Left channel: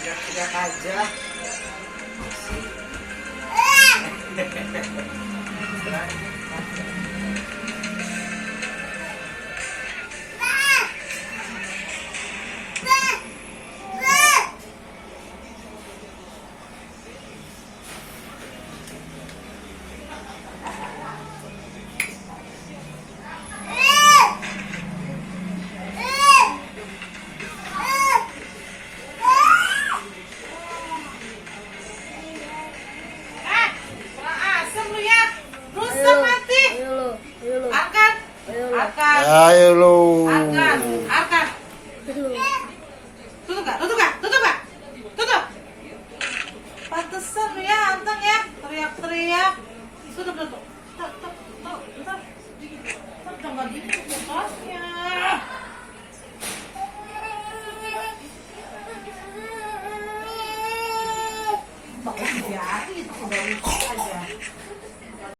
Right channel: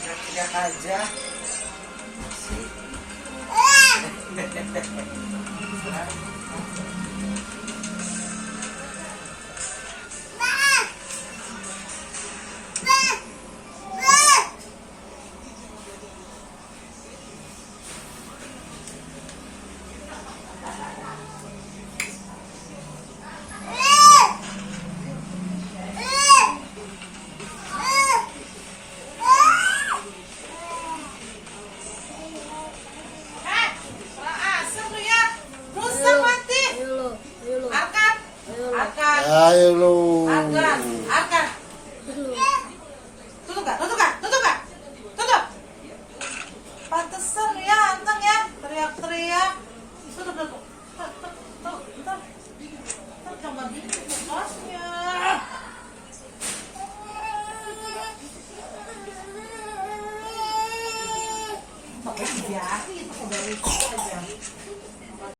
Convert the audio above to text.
Teriak aja. Ayo lu. Arkan. Tutup gak? Tutup. Pantesan lu ya, Antang ya, teriak-teriak. Tutup. Jangan gitu bosnya. Pakai jari itu udah